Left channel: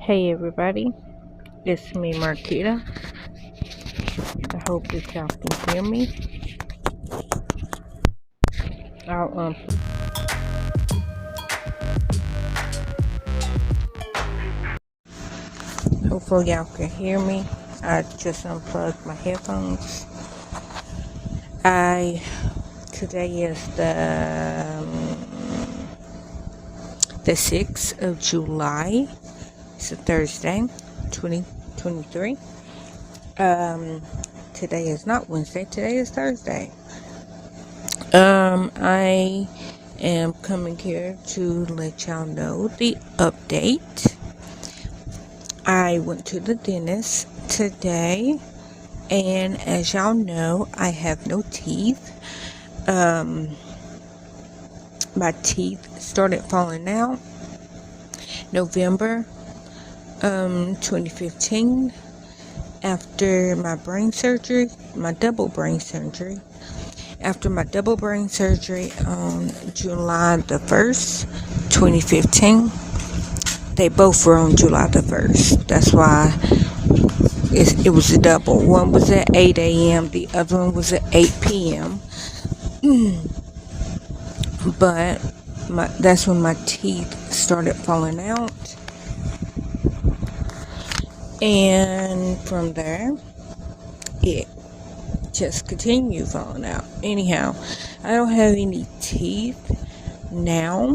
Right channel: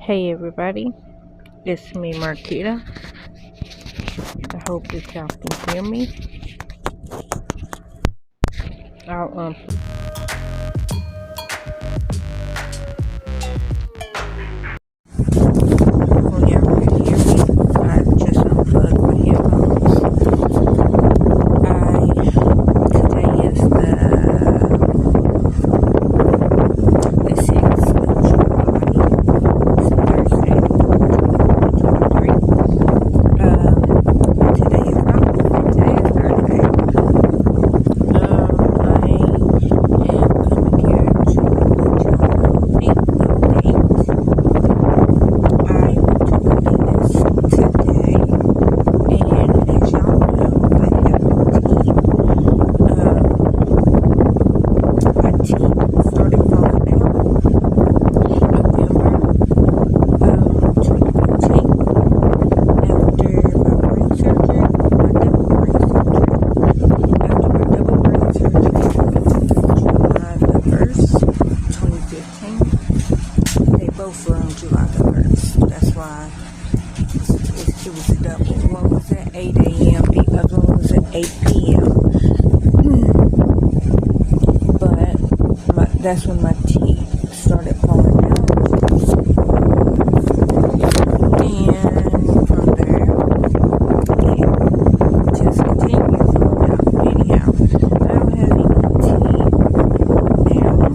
Hey everybody, it's me Marquita. I hope that y'all can hear me. I'll hopefully y'all can hear me. I just unplugged my headphones. Today is the 6th of July. It's a Thursday, 2023. Today is not Wednesday, today is Thursday. I am coming here to let y'all know the update. I went to the dentist today, and as y'all know, I have no teeth. My teeth started falling out November 2015 after my brain surgery, my double brain surgery. After my double brain surgery on July the 1st, 2015. They both were on July the 1st. That's why it was a double. One was at 8 a.m. The other one was at 8 p.m. But that's when my teeth started falling out. And from there, it just continued falling out. Anyhow, I don't have any teeth now.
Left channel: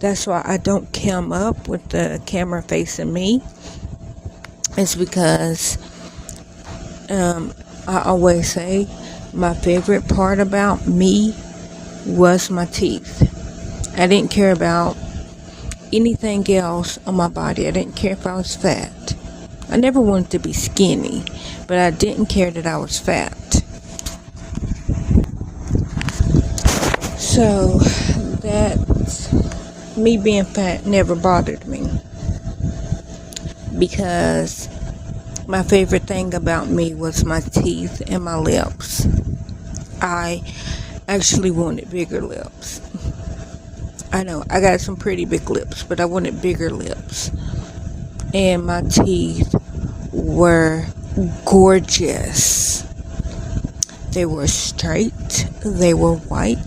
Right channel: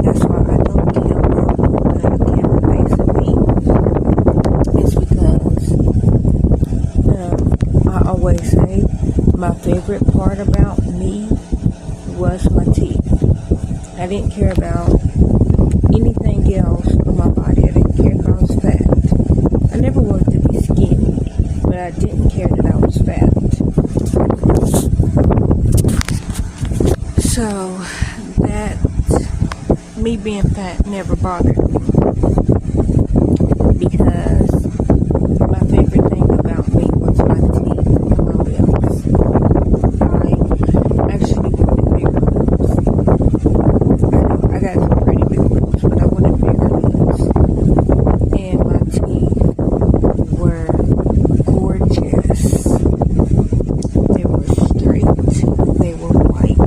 That's why I don't come up with the camera facing me. It's because I always say my favorite part about me was my teeth. I didn't care about anything else on my body. I didn't care if I was fat. I never wanted to be skinny, but I didn't care that I was fat. So that me being fat never bothered me, because my favorite thing about me was my teeth and my lips. I actually wanted bigger lips. I know I got some pretty big lips, but I wanted bigger lips. And my teeth were gorgeous. They were straight, they were white,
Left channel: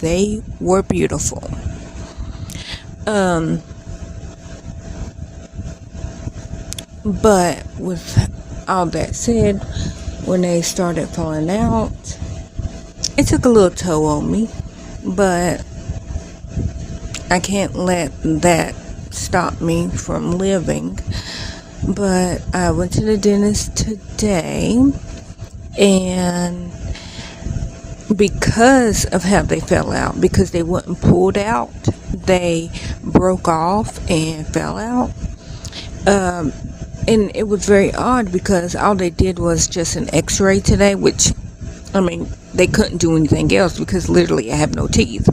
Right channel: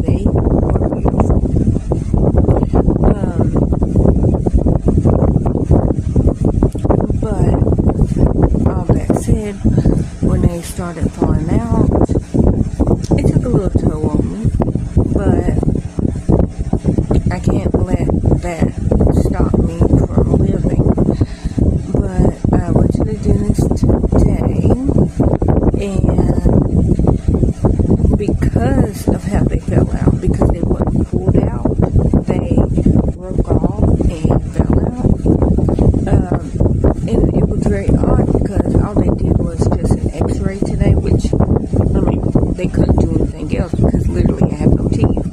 they were beautiful. But with all that said, when they started falling out, it took a little toll on me, but I can't let that stop me from living. But I went to the dentist today, and because of how they fell out, because they wasn't pulled out, they broke off and fell out. And it was very odd because all they did was just an x-ray today, which, I mean, they couldn't do anything else because literally I have no teeth.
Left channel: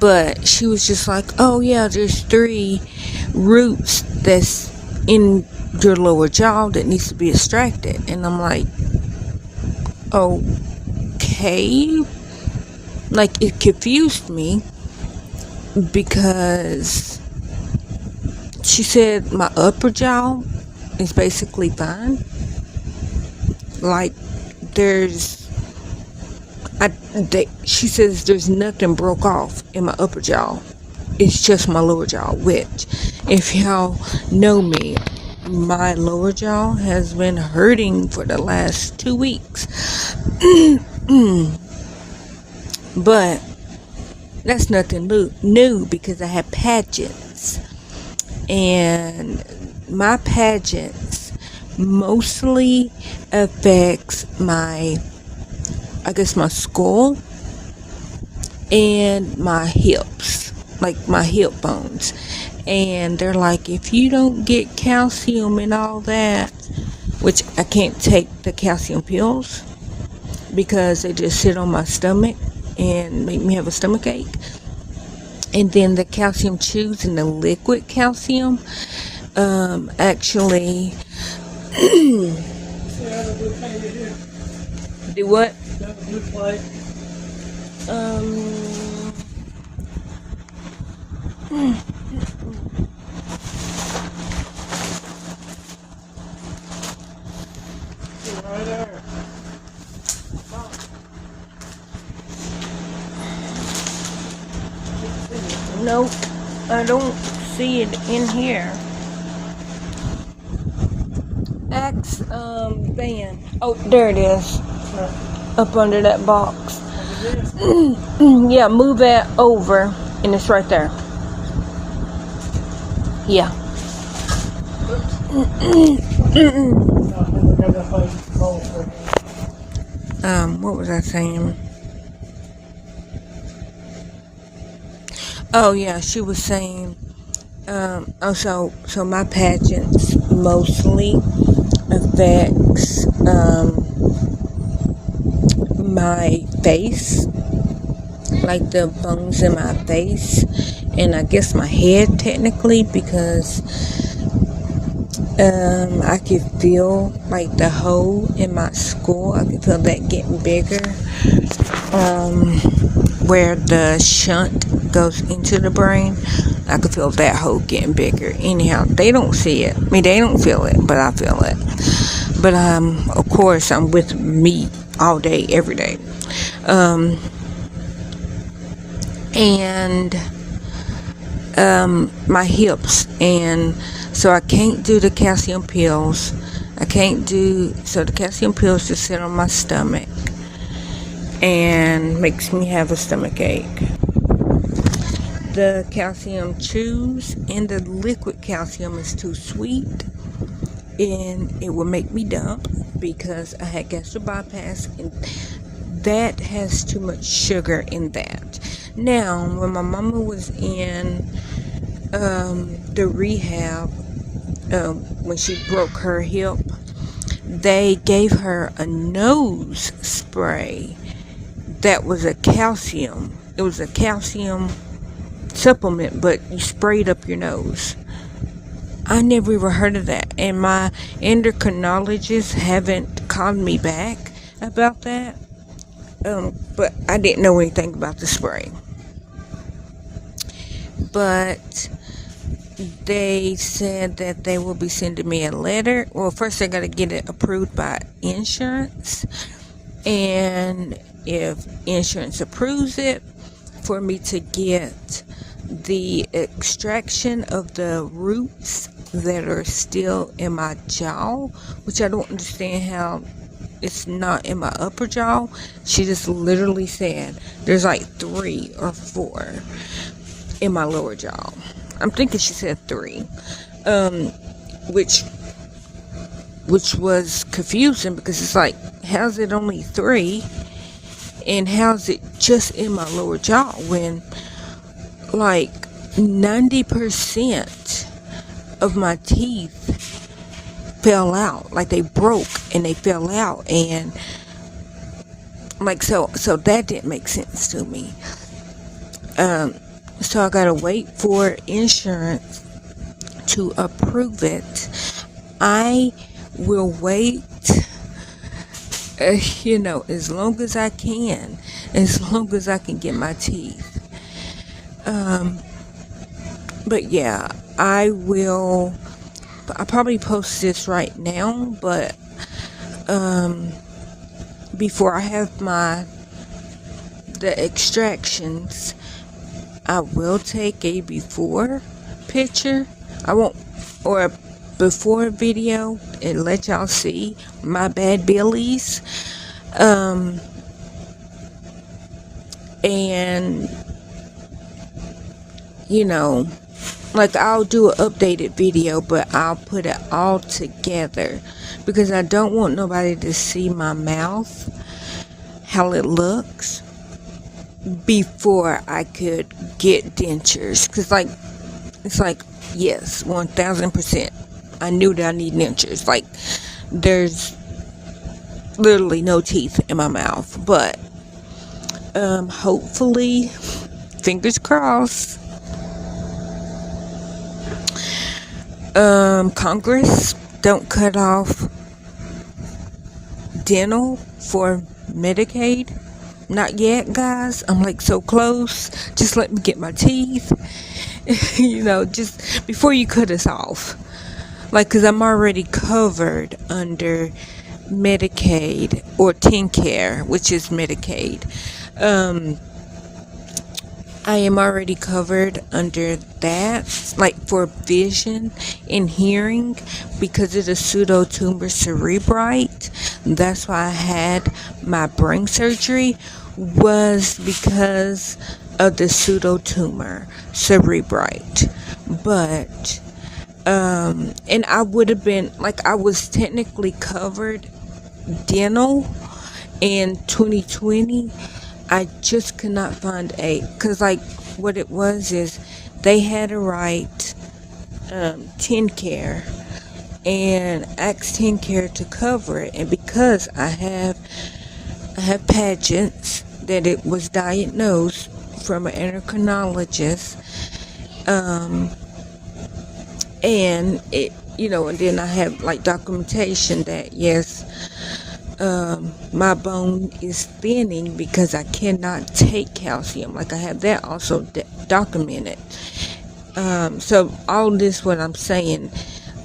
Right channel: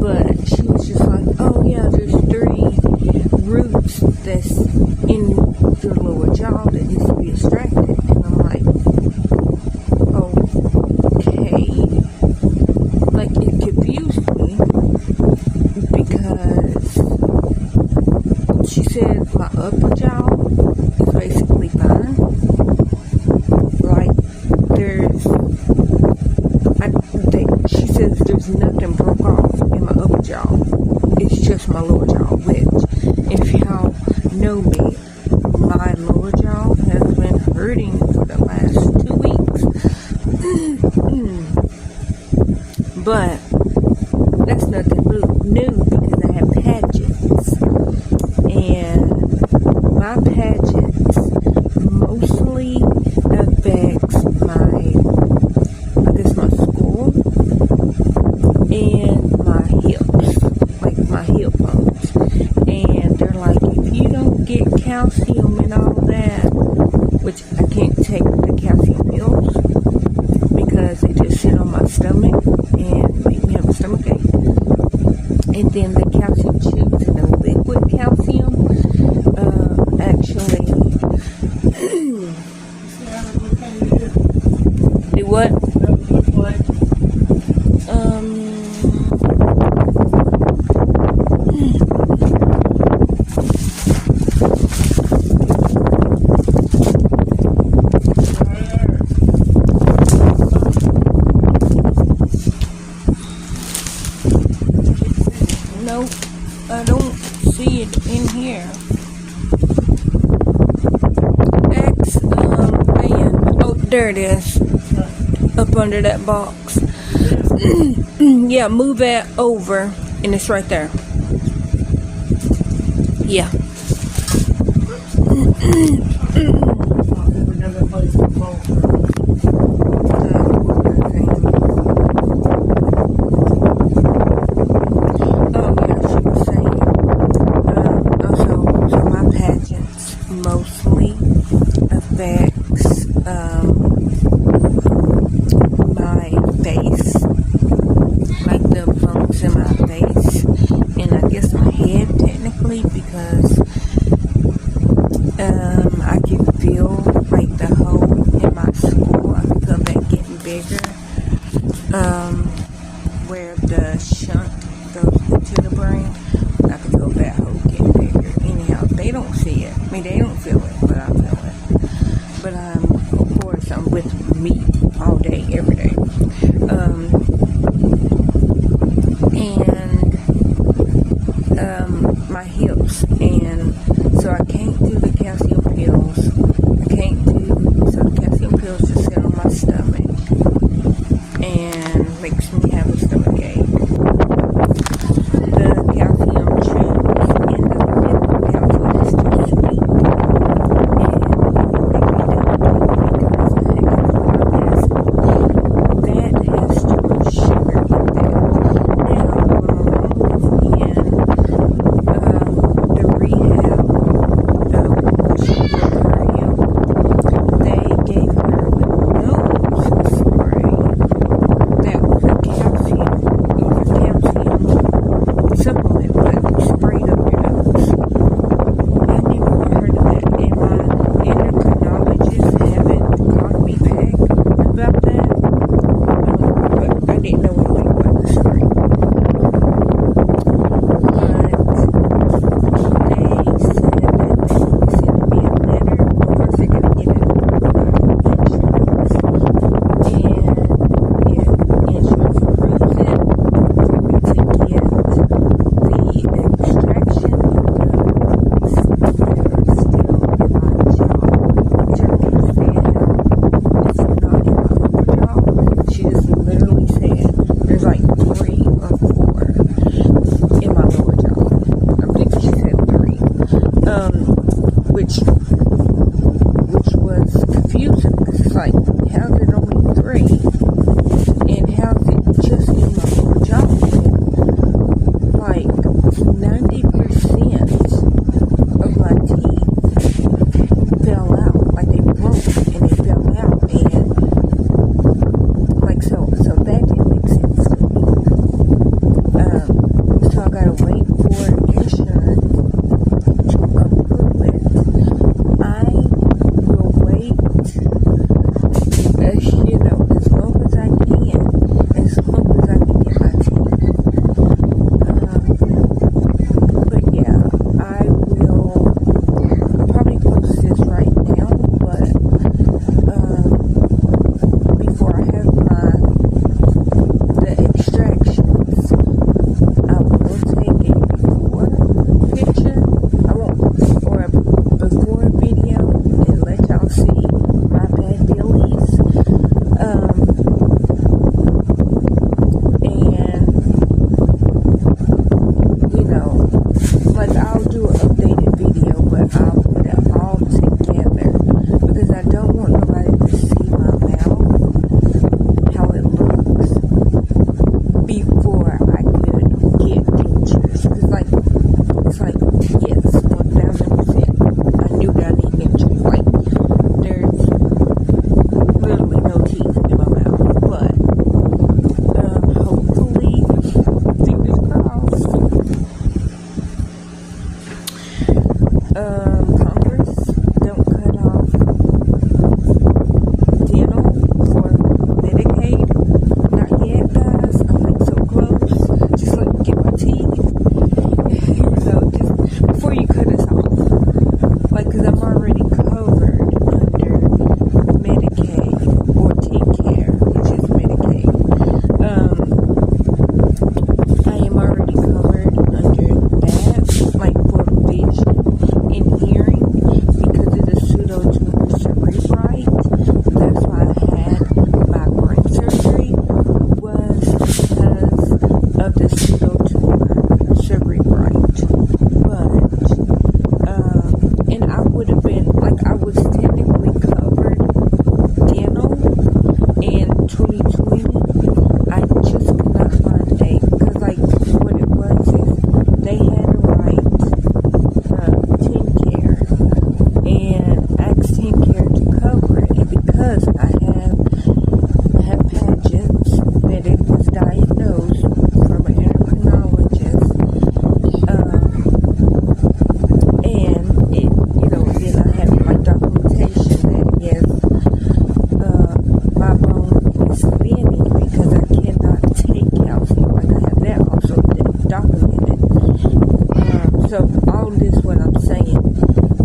But she was just like, oh yeah, there's 3 roots that's in your lower jaw that needs to be extracted. And I'm like, okay. Like, it confused me because she said my upper jaw is basically fine. Like, she says there's nothing broke off in my upper jaw. It's just my lower jaw, which, if y'all know me, my lower jaw has been hurting for the last 2 weeks. But that's nothing new because I have pageants. And my pageants mostly affects my skull and my hips, like my hip bones. And they're like, if you don't get calcium and all that, which I can't take the calcium pills because they just sit on my stomach and make me have a stomach ache. And then the calcium chews and the liquid calcium actually do what? here. X fan. Oh, there it is. Up under that box. Yeah, move that over, and it's right there. Yeah. What was I saying? Oh yeah, she was saying. So my pageants mostly affects my face, like the bones in my face, and I guess my head technically, because I can feel like the hole in my skull. I can feel that getting bigger, where the shunt goes into the brain. I can feel that hole getting bigger. Anyhow, they don't see it. I mean, they don't feel it, but I feel it. But of course, I'm with me all day, every day. And my hips, and so I can't do the calcium pills. So the calcium pills just sit on my stomach and makes me have a stomach ache. The calcium chews and the liquid calcium is too sweet, and it will make me dumb because I had gastric bypass. That has too much sugar in that. Now, when my mama was in the rehab, when she broke her hip, they gave her a nose spray that was a calcium. It was a calcium supplement, but sprayed up your nose. I never even heard of that, and my endocrinologist haven't called me back about that. But I didn't know anything about the spray. But they said that they will be sending me a letter. Well, first they're going to get it approved by insurance, and if insurance approves it, for me to get the extraction of the roots that are still in my jaw, which I don't understand how it's not in my upper jaw. She just literally said there's like 3 or 4 in my lower jaw. I'm thinking she said 3, which was confusing, because it's like, how's it only 3? And how's it just in my lower jaw when like 90% of my teeth fell out, like they broke and they fell out, and like so that didn't make sense to me. So I gotta wait for insurance to approve it. I will wait, as long as I can, as long as I can get my teeth. But yeah, I'll probably post this right now, but before I have the extractions, I will take a before picture. I won't, or a before video, and let y'all see my bad billies. And like I'll do an updated video, but I'll put it all together because I don't want nobody to see my mouth, how it looks, before I could get dentures. Because it's like, yes, 1000%. I knew that I need dentures. Like, there's literally no teeth in my mouth. But, hopefully, fingers crossed, Congress don't cut off dental for Medicaid. Not yet, guys. I'm like so close. Just let me get my teeth. Just before you cut us off. Like, because I'm already covered under Medicaid or TennCare, which is Medicaid. I am already covered under that. cataracts, like for vision and hearing, because of the pseudotumor cerebrite. That's why I had my brain surgery, was because of the pseudotumor cerebrite. But and I would have been, like, I was technically covered dental in 2020. I just could not find because like what it was is they had to write TennCare and ask TennCare to cover it, and because I have Paget's, that it was diagnosed from an endocrinologist, and it, and then I have like documentation that yes, my bone is thinning because I cannot take calcium. Like I have that also documented. So all this, what I'm saying,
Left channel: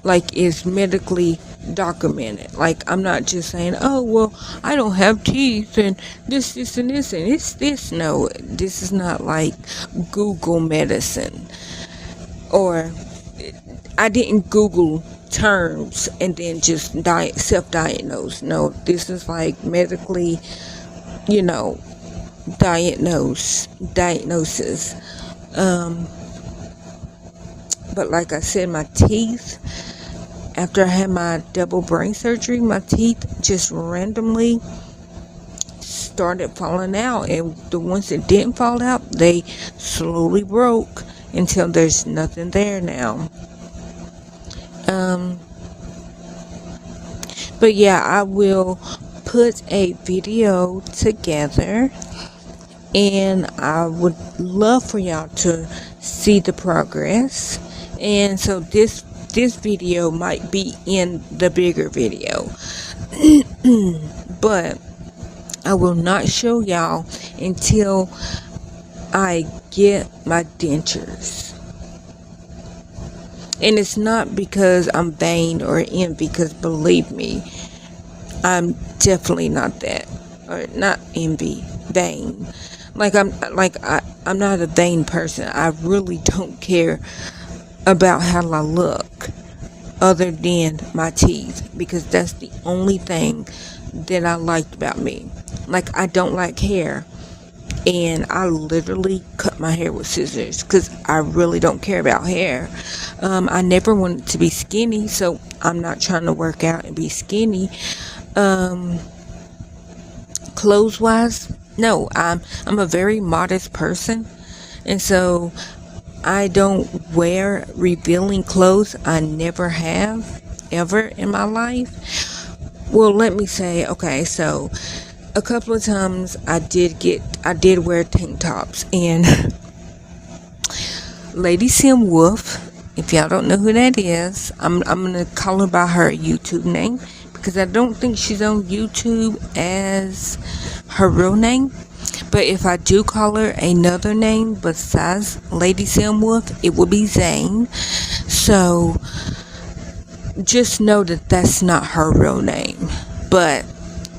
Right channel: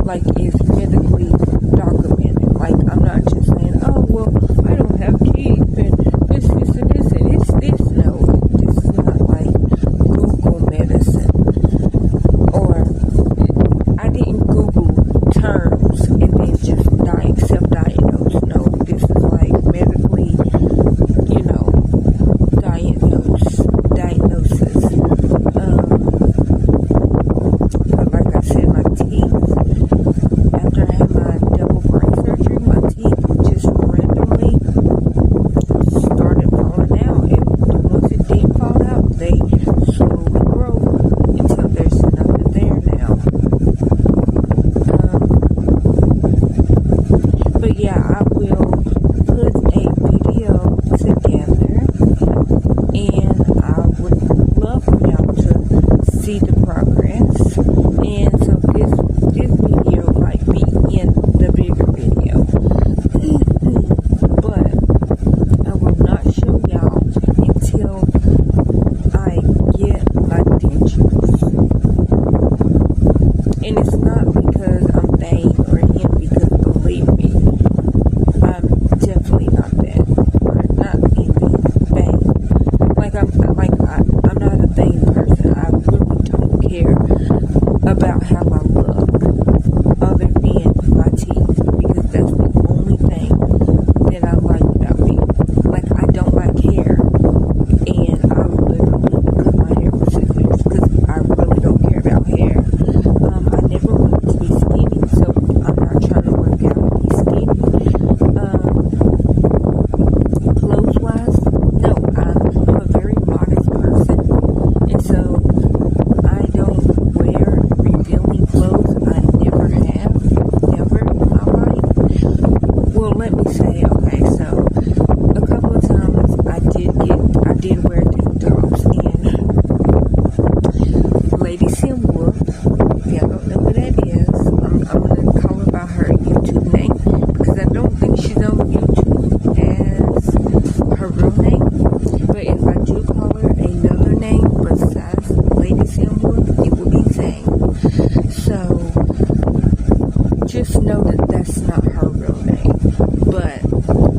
like, is medically documented. Like, I'm not just saying, oh, well, I don't have teeth and this and this and this. No, this is not like Google medicine. Or I didn't Google terms and then just self-diagnose. No, this is like medically, diagnosis. But like I said, my teeth, after I had my double brain surgery, my teeth just randomly started falling out, and the ones that didn't fall out, they slowly broke until there's nothing there now. But yeah, I will put a video together, and I would love for y'all to see the progress. And so this video might be in the bigger video, but I will not show y'all until I get my dentures. And it's not because I'm vain or envy, because believe me, I'm definitely not that, or not envy, vain. I'm not a vain person. I really don't care about how I look, other than my teeth, because that's the only thing that I liked about me. Like, I don't like hair, and I literally cut my hair with scissors because I really don't care about hair. I never wanted to be skinny, so I'm not trying to work out and be skinny. Clothes wise, no, I'm a very modest person, and so I don't wear revealing clothes. I never have, ever in my life. Well, let me say, okay, so a couple of times I did wear tank tops, and Lady Sim Wolf, if y'all don't know who that is, I'm gonna call her by her YouTube name, because I don't think she's on YouTube as her real name. But if I do call her another name besides Lady Sim Wolf, it will be Zane. So just know that that's not her real name. But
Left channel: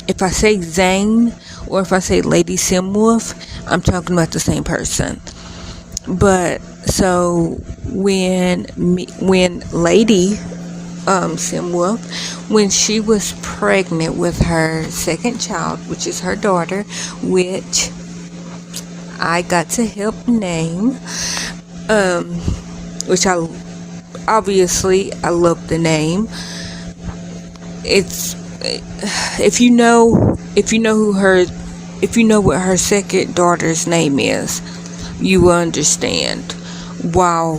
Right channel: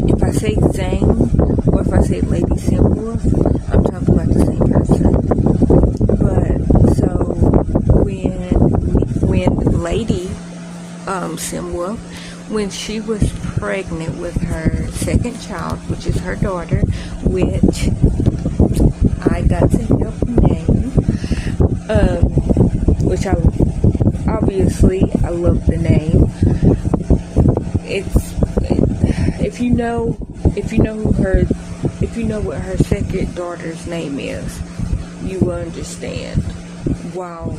if I say Zane or if I say Lady Sim Wolf, I'm talking about the same person. But so when Lady Sim Wolf, when she was pregnant with her second child, which is her daughter, which I got to help name, which I love the name. It's if you know what her second daughter's name is, you will understand why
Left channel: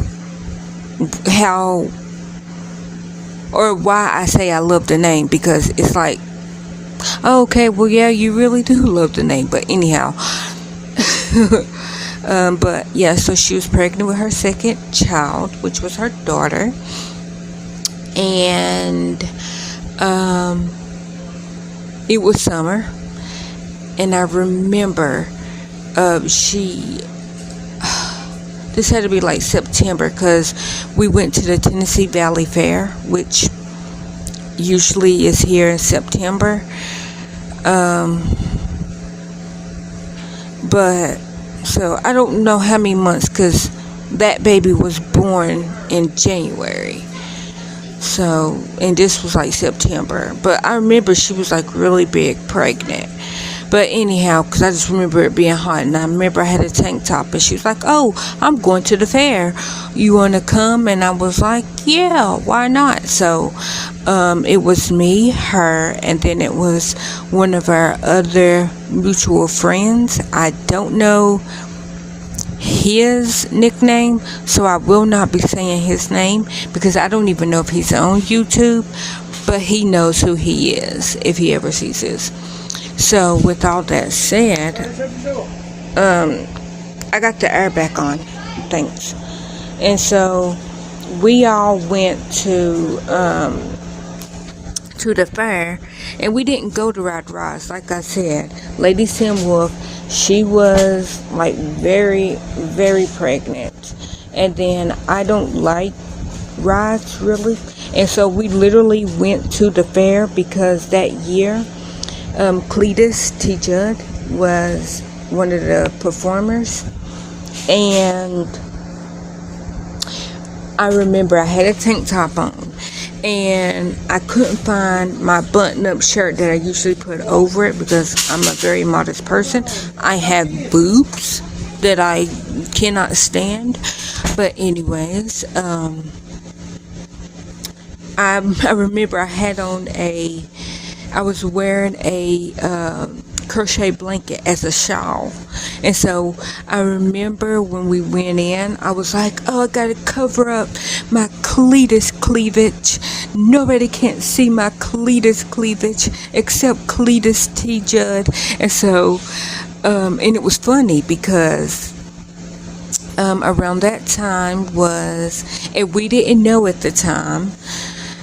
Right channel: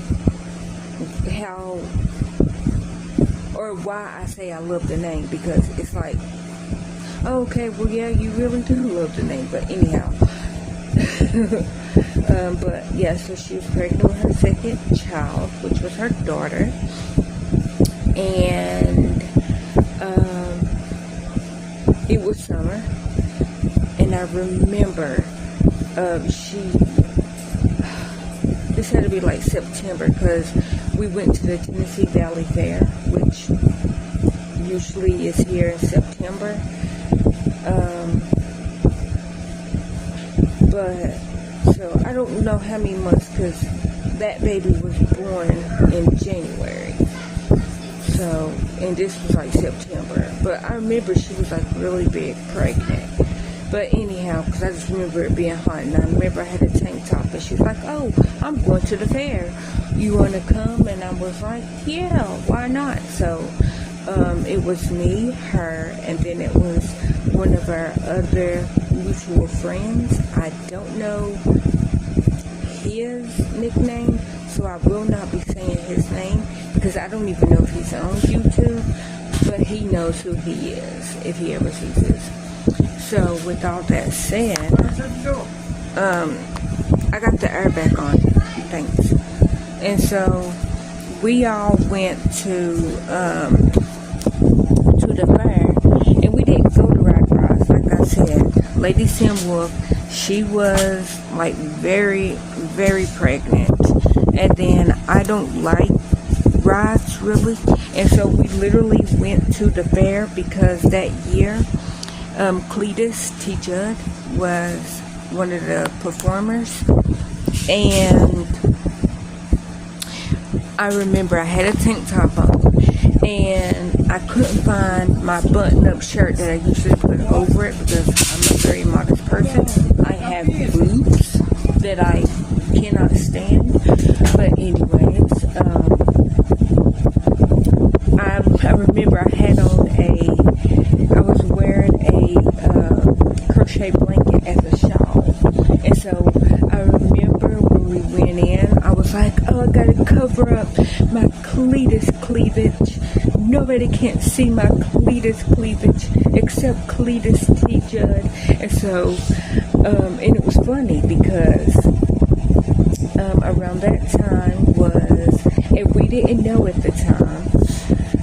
I say I love the name, because it's like, oh, okay, well, yeah, you really do love the name. But anyhow, but yeah, so she was pregnant with her second child, which was her daughter, and it was summer, and I remember this had to be like September, because we went to the Tennessee Valley Fair, which usually is here in September. But so I don't know how many months, because that baby was born in January. So, and this was like September. But I remember she was like really big pregnant. But anyhow, because I just remember it being hot, and I remember I had a tank top, and she was like, "Oh, I'm going to the fair. You want to come?" And I was like, "Yeah, why not?" So it was me, her, and then it was one of our other mutual friends. I don't know his nickname, so I will not be saying his name because I don't even know if he's on YouTube, but he knows who he is if he ever sees this. So with all that said, I got the air back on, thanks. And so we all went to the fair, and we didn't go to Ride Rides. Like I said, Lady Sim Wolf, she was like very, very pregnant, and then I don't like rides really, and so we literally went to the fair because that year Cletus T. Judd was one of the performers, and I remember I had a tank top on, and I couldn't find my button-up shirt that I usually put over it because I'm a very modest person. I have boobs that I cannot stand, but anyways, I remember I was wearing a crochet blanket as a shawl, and so I remember when we went in, I was like, "Oh, I gotta cover up my cletus cleavage. Nobody can't see my cletus cleavage except Cletus T. Judd." And so, and it was funny because around that time and we didn't know at the time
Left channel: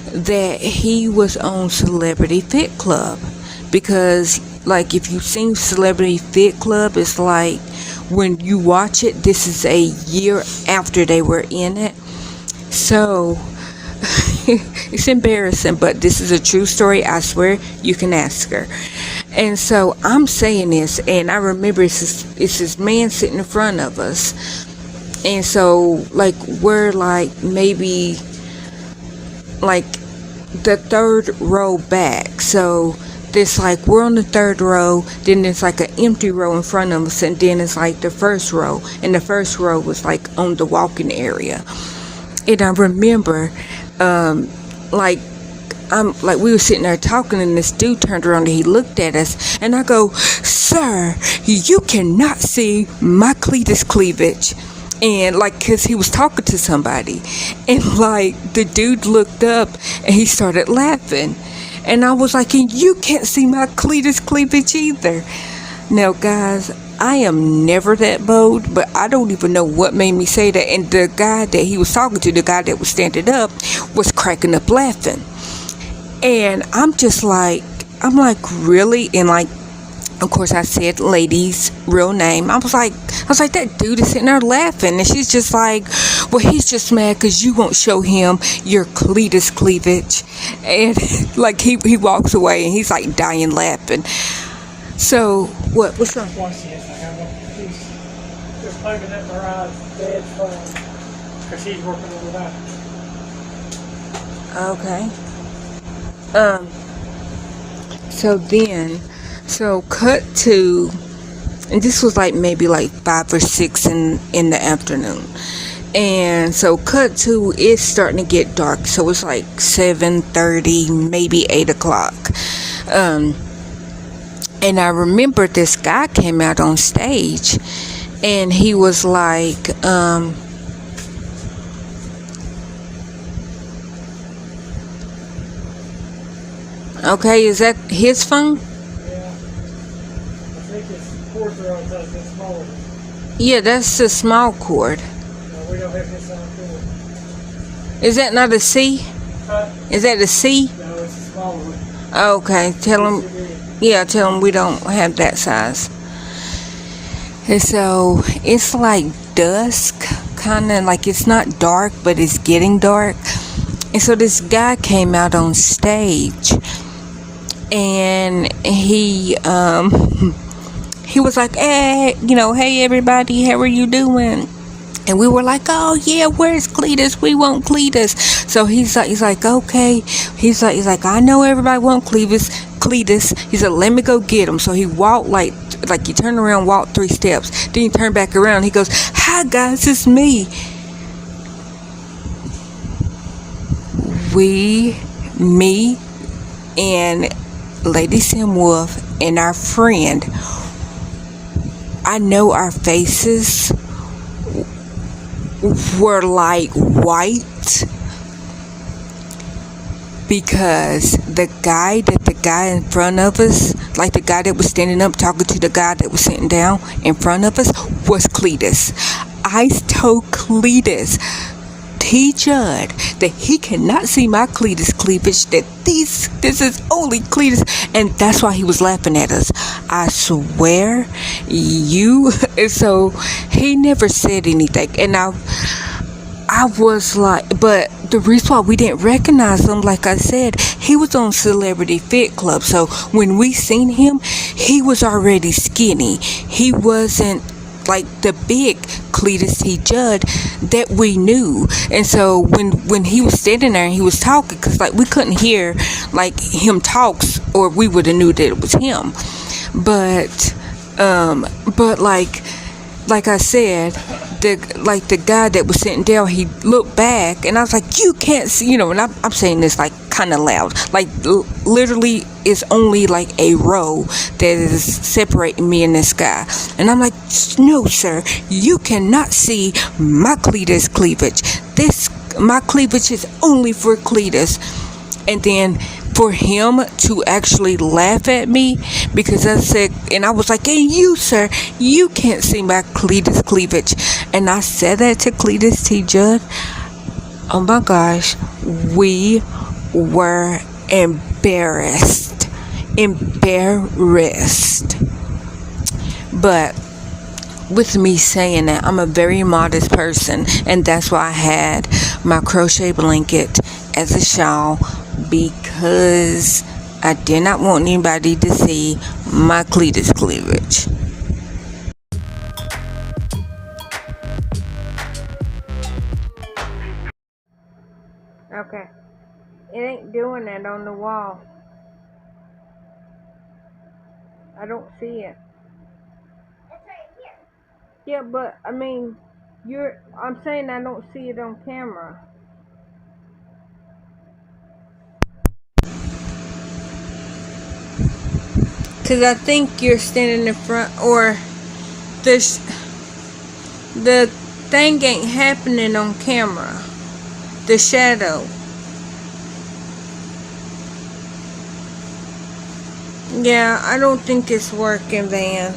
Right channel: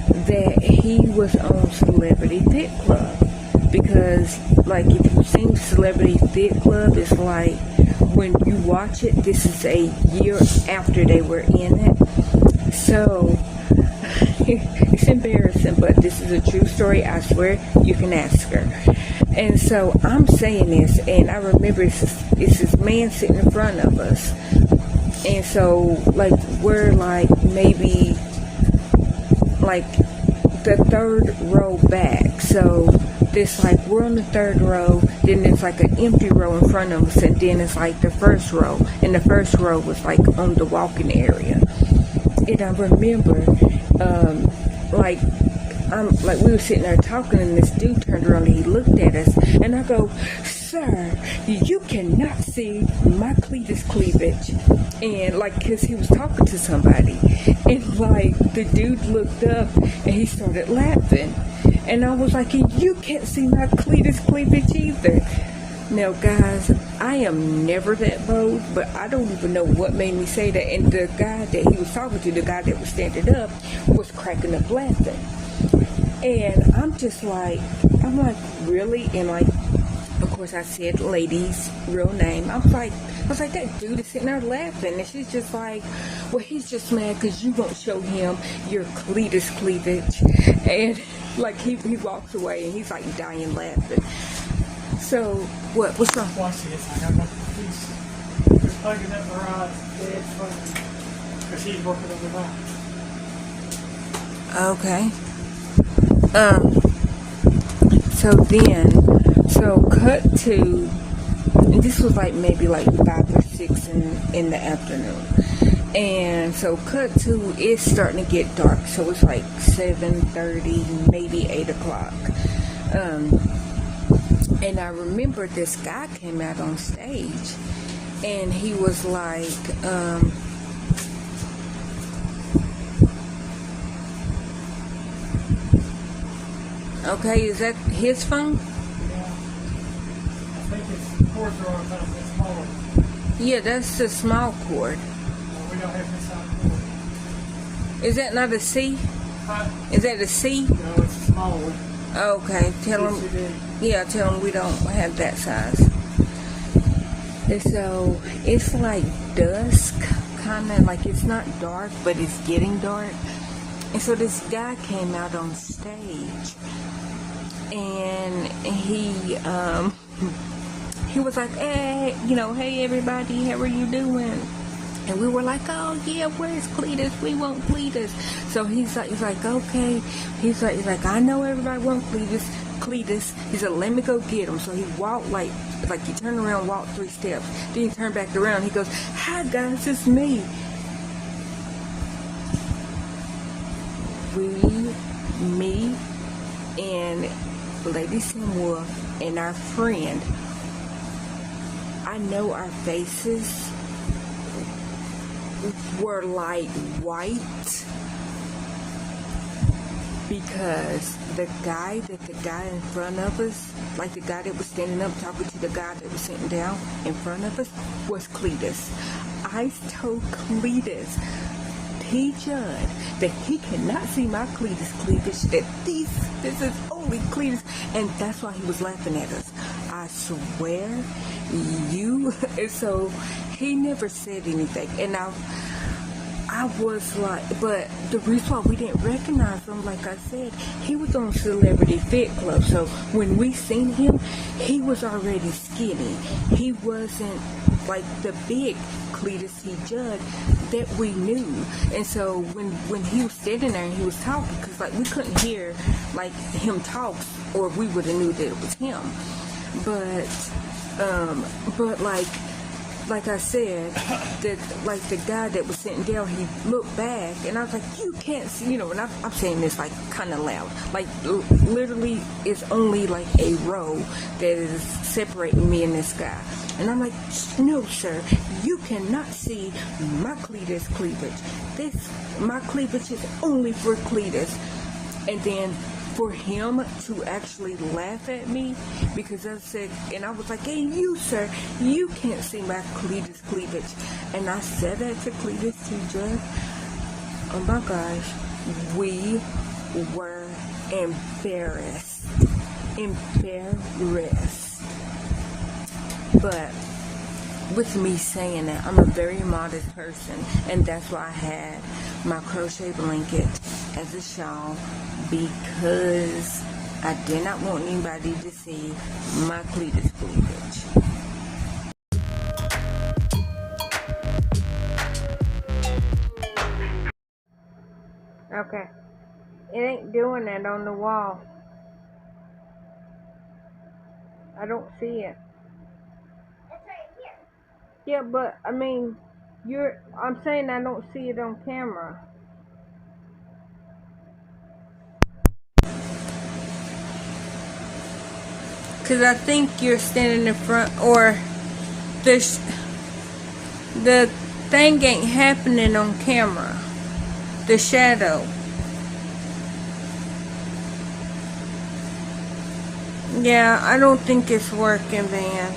that he was on Celebrity Fit Club, because like if you've seen Celebrity Fit Club, it's like when you watch it, this is a year after they were in it. So it's embarrassing, but this is a true story. I swear, you can ask her. And so I'm saying this, and I remember it's this man sitting in front of us, and so like we're like maybe like the third row back. So there's like we're on the third row, then there's like an empty row in front of us, and then it's like the first row, and the first row was like on the walking area. And I remember we were sitting there talking, and this dude turned around and he looked at us, and I go, "Sir, you cannot see my cletus cleavage." And like, cause he was talking to somebody, and like the dude looked up and he started laughing, and I was like, "And you can't see my cletus cleavage either." Now guys, I am never that bold, but I don't even know what made me say that. And the guy that he was talking to, the guy that was standing up, was cracking up laughing. And I'm like, really? And like, of course I said lady's real name. I was like, that dude is sitting there laughing. And she's just like, "Well, he's just mad because you won't show him your cletus cleavage." And like he walks away and he's like dying laughing. So what's wrong? Watch this. I got he's plugging up my ride's dad's phone because he's working overnight. Okay. So cut to, and this was like maybe like 5 or 6 in the afternoon, and so cut to, it's starting to get dark, so it's like 7:30, maybe 8 o'clock. And I remember this guy came out on stage, and he was like, okay, is that his phone? Yeah. I think his cords are on top, it's smaller. Yeah, that's the small cord. No, we don't have this on cord. Is that not a C? Is that a C? No, it's a smaller one. Okay, tell him. Yeah, tell him we don't have that size. And so it's like dusk, kind of like, it's not dark, but it's getting dark. And so this guy came out on stage, and he was like, "Hey, hey everybody, how are you doing?" And we were like, oh yeah, where's Cletus? We want Cletus. So he's like, okay. He's like, I know everybody want Cletus. He said, let me go get him. So he walked like he turned around, walked 3 steps. Then he turned back around. He goes, hi guys, it's me. Me and Lady Sim Wolf and our friend, I know our faces were like white because the guy in front of us, like the guy that was standing up talking to the guy that was sitting down in front of us, was Cletus. I told Cletus, T. Judd, that he cannot see my Cletus cleavage, that this is only Cletus, and that's why he was laughing at us. I swear, so he never said anything, and I was like, but the reason why we didn't recognize him, like I said, he was on Celebrity Fit Club, so when we seen him, he was already skinny. He wasn't like the big Cletus T. Judd that we knew. And so when he was standing there and he was talking, because like we couldn't hear like him talks, or we would have knew that it was him. But like I said, the guy that was sitting down, he looked back, and I was like, you can't see, and I'm saying this like kind of loud, like literally it's only like a row that is separating me and this guy, and I'm like, no sir, you cannot see my Cletus cleavage. My cleavage is only for Cletus. And then for him to actually laugh at me, because I said, and I was like, hey, you, sir, you can't see my Cletus cleavage. And I said that to Cletus T. Judd. Oh my gosh, we were embarrassed. But with me saying that, I'm a very modest person, and that's why I had my crochet blanket as a shawl, because I did not want anybody to see my Cletus cleavage. Okay, it ain't doing that on the wall. I don't see it. It's right here. Yeah, but I mean, I'm saying I don't see it on camera. Cause I think you're standing in front, or the thing ain't happening on camera. The shadow. Yeah, I don't think it's working, Van.